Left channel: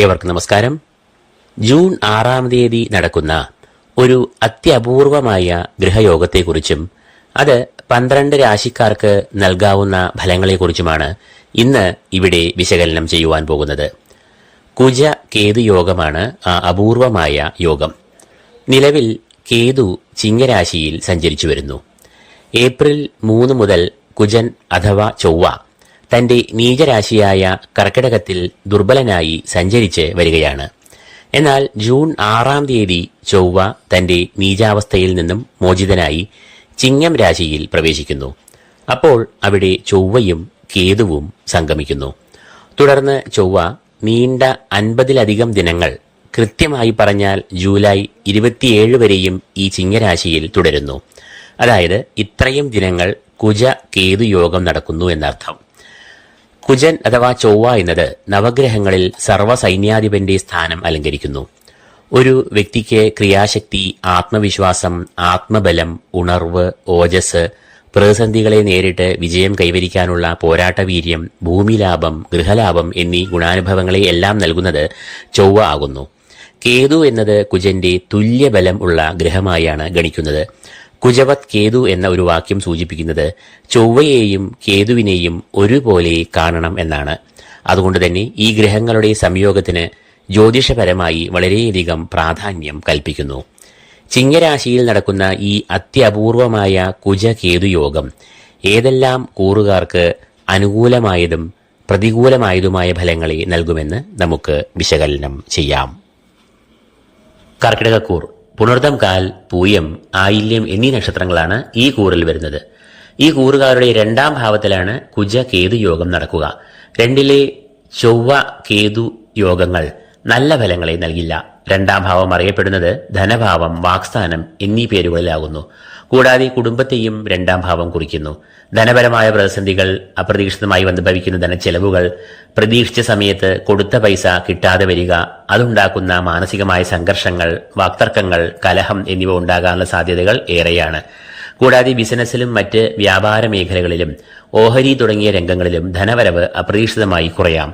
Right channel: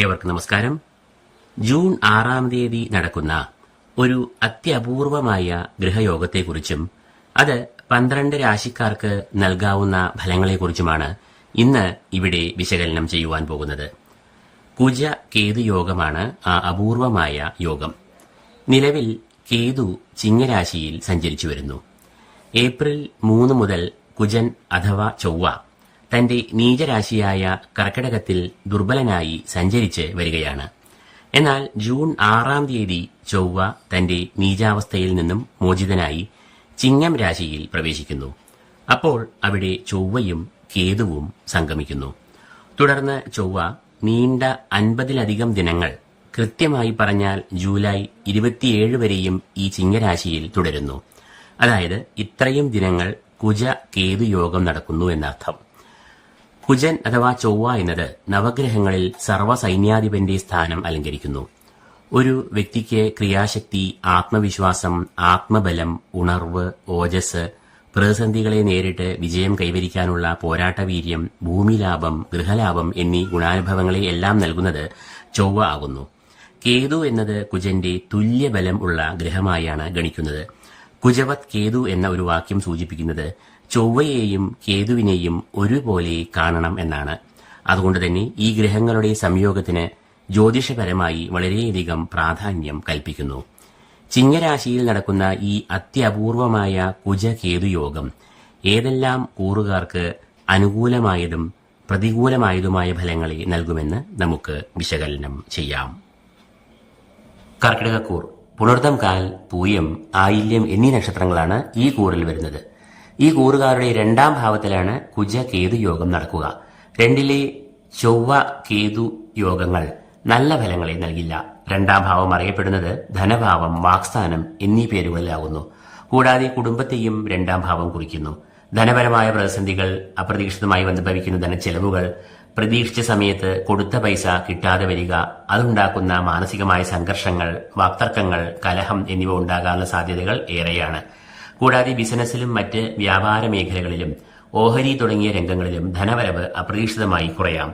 ഏവർക്കും നമസ്കാരം. ജൂൺ 6-ാം തീയതി നടക്കുന്ന ഒരു അത്യപൂർവമായ ഗൃഹയോഗത്തെക്കുറിച്ചും അത് 12 രാശിക്കാർക്ക് നൽകാവുന്ന ഫലങ്ങളെക്കുറിച്ചുമാണ് ഇന്ന് ഇവിടെ വിശകലനം ചെയ്യുവാൻ പോകുന്നത്. കുജ കേതു യോഗമാണ് ആ അപൂർവമായ യോഗം. നിലവിൽ കേതു ചിങ്ങരാശിയിൽ സഞ്ചരിച്ചു വരുന്നു. ഏപ്രിൽ 3 മുതൽ കുജൻ അഥവാ ചൊവ്വ തന്റെ നീചരാശിയായ കർക്കിടകത്തിൽ ദുർബലനായി സഞ്ചരിച്ച് വരികയാണ്. എന്നാൽ ജൂൺ 6-ാം തീയതി ചൊവ്വ തന്റെ നീചാവസ്ഥയിൽ നിന്നും മോചിതനായി ചിങ്ങം രാശിയിൽ പ്രവേശിക്കുന്നു. അപ്പോൾ അവിടെ ചൊവ്വയും കേതുവും സംഗമിക്കുന്നു. തുടർന്ന് ചൊവ്വ നീണ്ട 50-ലധികം ദിനങ്ങൾ, കൃത്യമായി പറഞ്ഞാൽ ജൂലൈ 27 വരെയും ഈ ചിങ്ങരാശിയിൽ തുടരുന്നു. അതായത് ഇത്രയും ദിനങ്ങൾ കുജ കേതു യോഗം നടക്കുന്നു എന്നർത്ഥം. കുജൻ അഥവാ ചൊവ്വ എന്നത് നവഗ്രഹങ്ങളിൽ സർവ്വസൈന്യാധിപന്റെ സ്ഥാനം അലങ്കരിക്കുന്നു. ഒരു വ്യക്തിക്ക് ക്രിയാശക്തി, ആത്മവിശ്വാസം, ആത്മബലം, ഉണർവ്, ഓജസ്, പ്രതിസന്ധികളെ നേരിട്ട് വിജയം കൈവരിക്കാനുള്ള പോരാട്ടവീര്യം, ഭൂമിലാഭം, ഗൃഹലാഭം എന്നീ ഗുണാനുഭവങ്ങളെ എല്ലാം നൽകുന്നത് ചൊവ്വ ആകുന്നു. കേതു എന്നത് കുജന്റെ തുല്യബലം ഉള്ള ഗ്രഹമായാണ് ഗണിക്കുന്നത്. കുജവത് കേതു എന്ന ഒരു വാക്യം സൂചിപ്പിക്കുന്നത് ചൊവ്വയെയും കേതുവിനെയും ഒരുപോലെ കാണണം എന്നാണ്. അതുകൊണ്ട് തന്നെ ഈ ഗ്രഹങ്ങളുടെ സംയോഗത്തിന് ജ്യോതിഷപരമായി വളരെയധികം പ്രാധാന്യം കൽപ്പിക്കുന്നു. ചിങ്ങരാശിയിൽ നടക്കുന്ന ഈ അത്യപൂർവമായ കുജ കേതു യോഗം ഏതെല്ലാം കൂറുകാർക്ക് അനുകൂലമായതും പ്രതികൂലമായതുമായ ഫലങ്ങളെ നൽകുമെന്ന് നമുക്ക് വിശകലനം ചെയ്യാം. കർക്കിടകക്കൂർ പുണർദം, കാൽ, പൂയം, ആയില്യം എന്നീ നക്ഷത്രങ്ങളാണ് ഈ കൂറിൽ വരുന്നത്. ഈ കൂറുകാരുടെ 2-ാം ഭാവത്തിലാണ് കുജ കേതു യോഗം നടക്കുക. 2-ലെ ചൊവ്വ കേതു യോഗങ്ങൾ നല്ല ഫലങ്ങളെ നൽകില്ല. 2-ാം ഭാവം അറിയപ്പെടുന്നത് ധനഭാവം, വാക്സ്ഥാനം എന്നീ പേരുകളിലാകുന്നു. കൂടാതെ കുടുംബത്തെയും 2-ാം ഭാവം കുറിക്കുന്നു. ധനപരമായ പ്രതിസന്ധികൾ, അപ്രതീക്ഷിതമായി വന്നുഭവിക്കുന്ന ധനച്ചെലവുകൾ, പ്രതീക്ഷിച്ച സമയത്ത് കൊടുത്ത പൈസ കിട്ടാതെ വരിക, അതുണ്ടാക്കുന്ന മാനസികമായ സംഘർഷങ്ങൾ, വാക്തർക്കങ്ങൾ, കലഹം എന്നിവ ഉണ്ടാകാനുള്ള സാധ്യതകൾ ഏറെയാണ്. കൂടാതെ ബിസിനസ്സിലും മറ്റ് വ്യാപാര മേഖലകളിലും ഓഹരി തുടങ്ങിയ രംഗങ്ങളിലും ധനവരവ് അപ്രതീക്ഷിതമായി കുറയാം.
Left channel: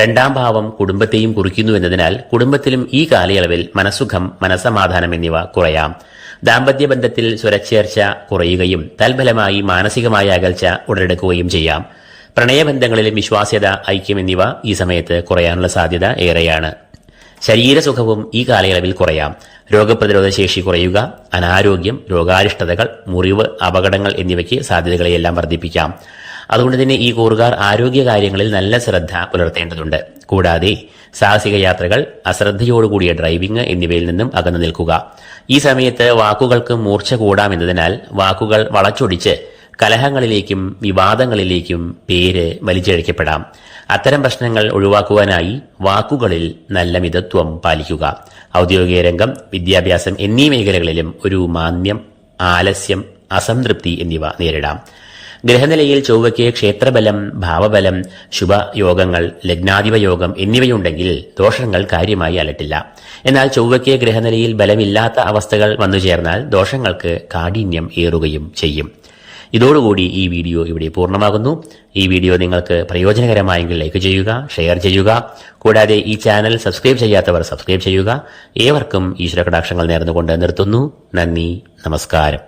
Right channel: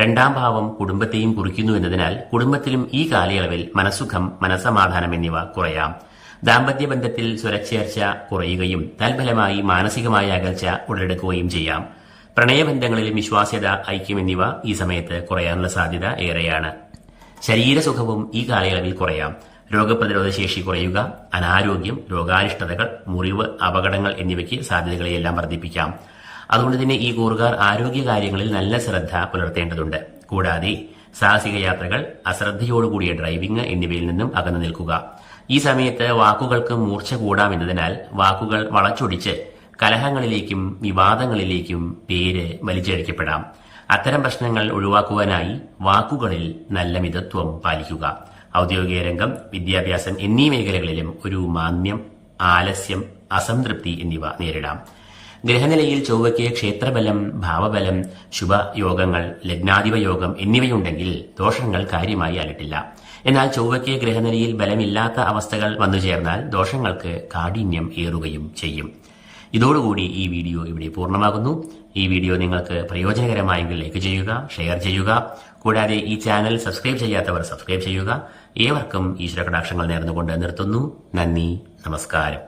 2-ാം ഭാവം കുടുംബത്തെയും കുറിക്കുന്നു എന്നതിനാൽ കുടുംബത്തിലും ഈ കാലയളവിൽ മനസ്സുഖം, മനസ്സമാധാനം എന്നിവ കുറയാം. ദാമ്പത്യബന്ധത്തിൽ സ്വരച്ചേർച്ച കുറയുകയും തൽഫലമായി മാനസികമായ അകൽച്ച ഉടലെടുക്കുകയും ചെയ്യാം. പ്രണയബന്ധങ്ങളിലും വിശ്വാസ്യത, ഐക്യം എന്നിവ ഈ സമയത്ത് കുറയാനുള്ള സാധ്യത ഏറെയാണ്. ശരീരസുഖവും ഈ കാലയളവിൽ കുറയാം. രോഗപ്രതിരോധ ശേഷി കുറയുക, അനാരോഗ്യം, രോഗാരിഷ്ടതകൾ, മുറിവ്, അപകടങ്ങൾ എന്നിവയ്ക്ക് സാധ്യതകളെയെല്ലാം വർദ്ധിപ്പിക്കാം. അതുകൊണ്ട് തന്നെ ഈ കൂറുകാർ ആരോഗ്യകാര്യങ്ങളിൽ നല്ല ശ്രദ്ധ പുലർത്തേണ്ടതുണ്ട്. കൂടാതെ സാഹസിക യാത്രകൾ, അശ്രദ്ധയോടുകൂടിയ ഡ്രൈവിംഗ് എന്നിവയിൽ നിന്നും അകന്നു നിൽക്കുക. ഈ സമയത്ത് വാക്കുകൾക്ക് മൂർച്ച കൂടാമെന്നതിനാൽ വാക്കുകൾ വളച്ചൊടിച്ച് കലഹങ്ങളിലേക്കും വിവാദങ്ങളിലേക്കും പേര് വലിച്ചിഴക്കപ്പെടാം. അത്തരം പ്രശ്നങ്ങൾ ഒഴിവാക്കുവാനായി വാക്കുകളിൽ നല്ല മിതത്വം പാലിക്കുക. ഔദ്യോഗിക രംഗം, വിദ്യാഭ്യാസം എന്നീ മേഖലകളിലും ഒരു മാന്ദ്യം, ആലസ്യം, അസംതൃപ്തി എന്നിവ നേരിടാം. ഗ്രഹനിലയിൽ ചൊവ്വയ്ക്ക് ക്ഷേത്രബലം, ഭാവബലം, ശുഭയോഗങ്ങൾ, ലഗ്നാധിപ യോഗം എന്നിവയുണ്ടെങ്കിൽ ദോഷങ്ങൾ കാര്യമായി അലട്ടില്ല. എന്നാൽ ചൊവ്വയ്ക്ക് ഗ്രഹനിലയിൽ ബലമില്ലാത്ത അവസ്ഥകൾ വന്നു ചേർന്നാൽ ദോഷങ്ങൾക്ക് കാഠിന്യം ഏറുകയും ചെയ്യും. ഇതോടുകൂടി ഈ വീഡിയോ ഇവിടെ പൂർണ്ണമാകുന്നു. ഈ വീഡിയോ നിങ്ങൾക്ക് പ്രയോജനകരമായെങ്കിൽ ലൈക്ക് ചെയ്യുക, ഷെയർ ചെയ്യുക. കൂടാതെ ഈ ചാനൽ സബ്സ്ക്രൈബ് ചെയ്യാത്തവർ സബ്സ്ക്രൈബ് ചെയ്യുക. ഏവർക്കും ഈശ്വര കടാക്ഷങ്ങൾ നേർന്നുകൊണ്ട് നിർത്തുന്നു. നന്ദി, നമസ്കാരം.